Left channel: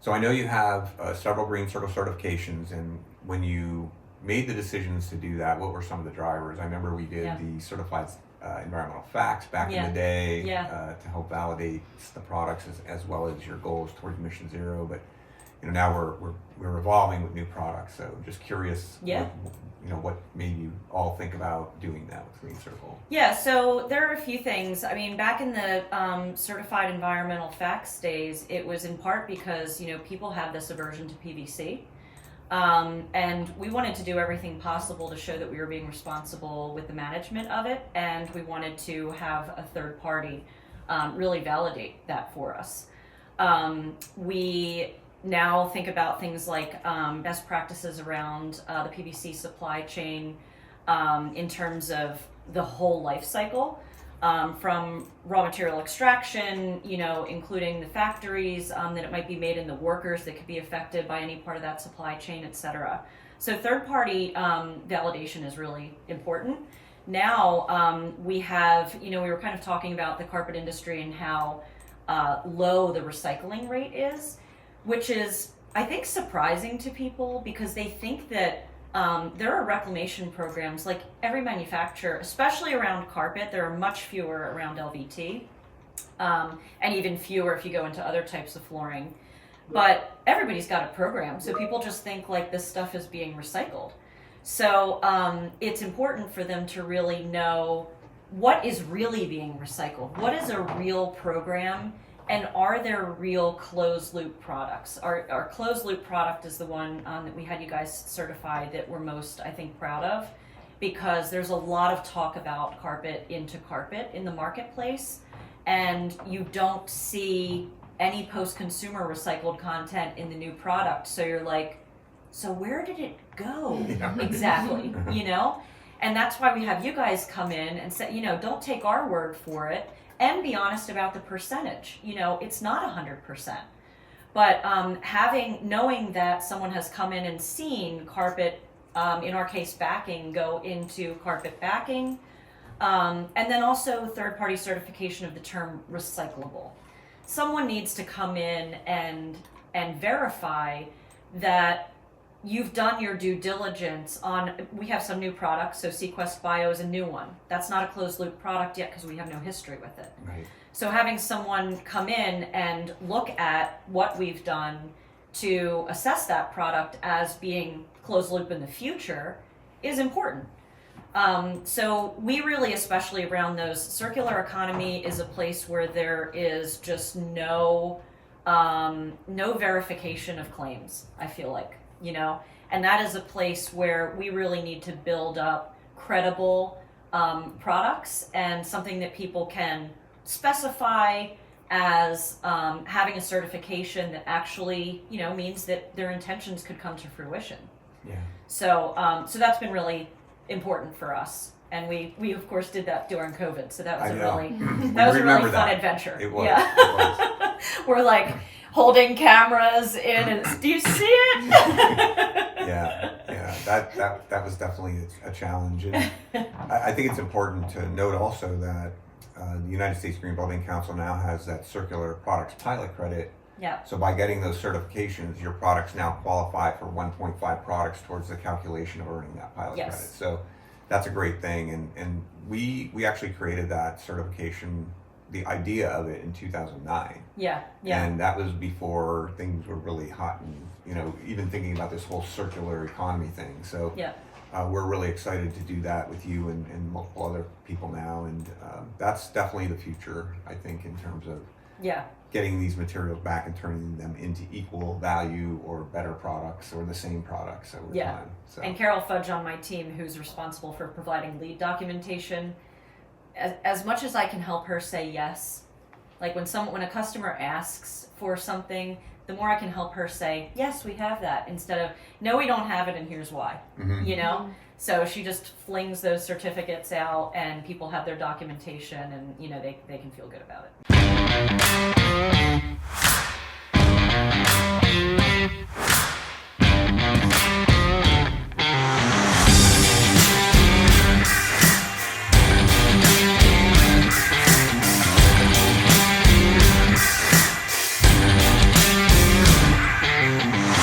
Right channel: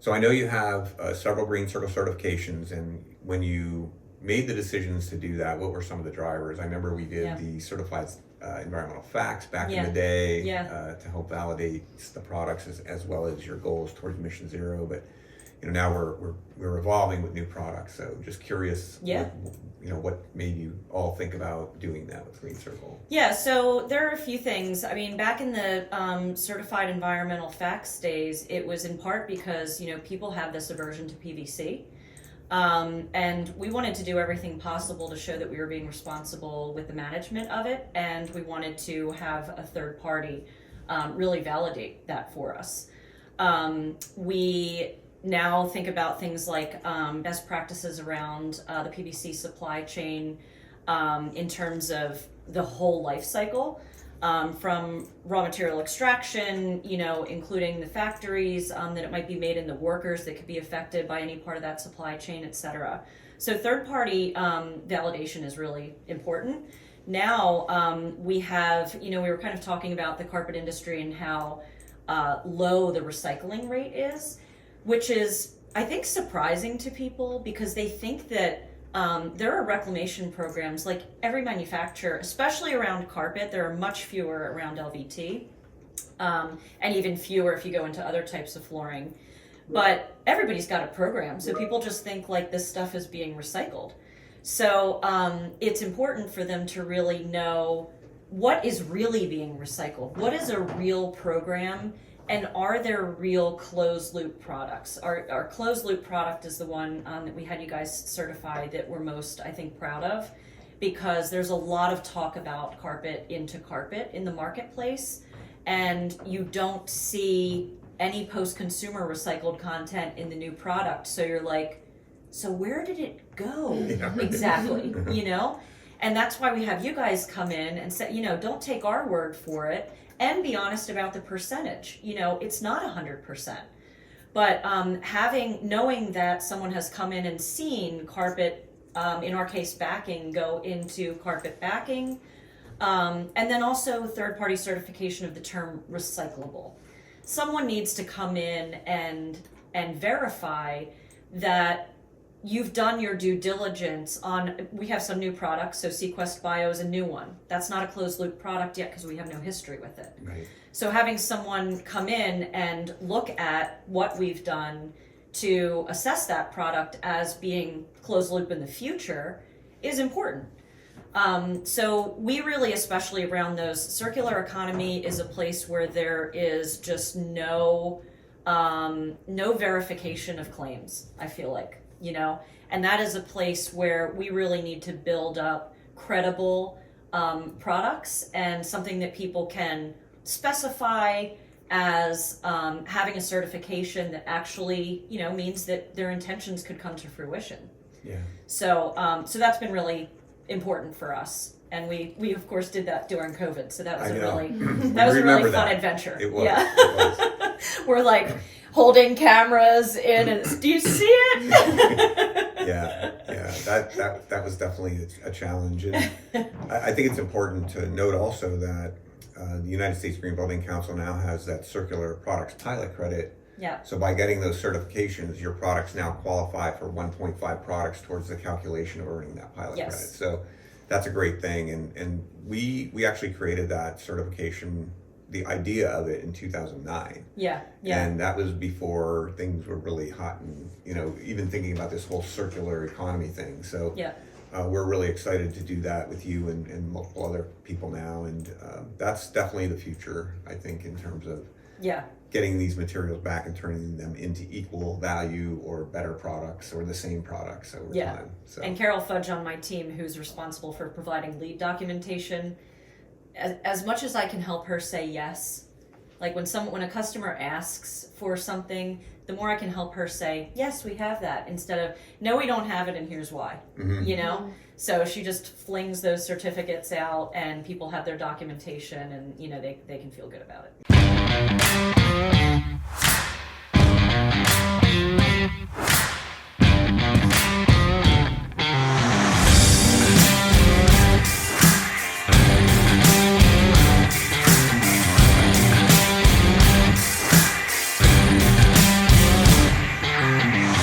So I know you have several GreenCircle certifications, and when you made the decisions to do that, what were some of the drivers? I remember we did the certified environmental facts back in the day to help validate the products as well as your goals towards Mission Zero. But now we're evolving with new products. So just curious, what made you all think about doing that with GreenCircle? Yeah, so there are a few things. I mean, back in the certified environmental facts days, it was in part because people have this aversion to PVC. And we wanted to do everything possible to show that we were being responsible with the management of it, and we wanted to have a third party really validate that for us. We now think about things like best practices around the PVC supply chain in terms of the whole life cycle. From raw material extraction, including the factories that it might be made in, the workers that could be affected by any part of that supply chain, et cetera. So third-party validation is really important. Now we have, we were kind of talking about the carpet industry and how low the recycling rate is, which is, I think, surprising to people because they think that there are reclamation programs like every manufacturer, especially around carpet. There are much fewer around LVT, and even fewer if you go into other types of flooring. But everybody's got a program, so people just think like this stuff is being recycled. So it's important for them to really know what is really being recycled, what is a real program, and are there real closed loop products? Our closed loop product is the one that we had you guys certify that we're most, I think, proud of, because there's a lot of talk about carpet into carpet in the marketplace, and you don't see any post-consumer recycled content in the new product. So you're like, so where did it go exactly? And that's why we have you guys come in and say, don't take our word for it. And be honest about the percentage. It's not 100%. But knowing that someone has come in and seen carpet, in our case backing, go into carpet backing, and then also third-party certification of the term recyclable. Someone needs to come in and verify that you've done your due diligence on, we have some new products, so Sequest Bio is a new one. That's not a closed loop product yet because we have no history with it. Right. So having someone come in and look at what we've done to assess that product as being closed loop in the future is important. So we really, especially around those, circular economy is a place where there is just no verification of claims, I feel like. And that is a place where we really need to build up credible products and something that people can specify as having a certification that actually, means that their intentions could come to fruition. Yeah. So that's been really important for us. And we of course did that during COVID. So that was a really fun adventure. It was. Yeah. It was. We're like holding cameras in and do you see it? yeah. That was definitely a challenge. And I think it's important to note also that the United States Green Building Council now has that circular products pilot credit. Yeah. So by getting those certifications, your products now qualify for 1.5 products towards the calculation of earning that pilot credit. So that's a great thing. And we actually created that certification, the idea of it, in 2009. Yeah. And that was before things were really hot and, even thinking about this whole circular economy thing. So we're really excited to do that with you and multiple other people now. And that's definitely the future, I think, in terms of getting these materials back and turning them into equal value or better products or the same products over time. So. And Carol Fudge on my team, who's responsible for providing lead documentation, as much as I can help her say yes, like when a customer asks for something, the more I can help her say, yes, we have that, instead of, no, we don't have it and here's why, So she just flings those certificates out and people have their documentation and, they can feel good about it.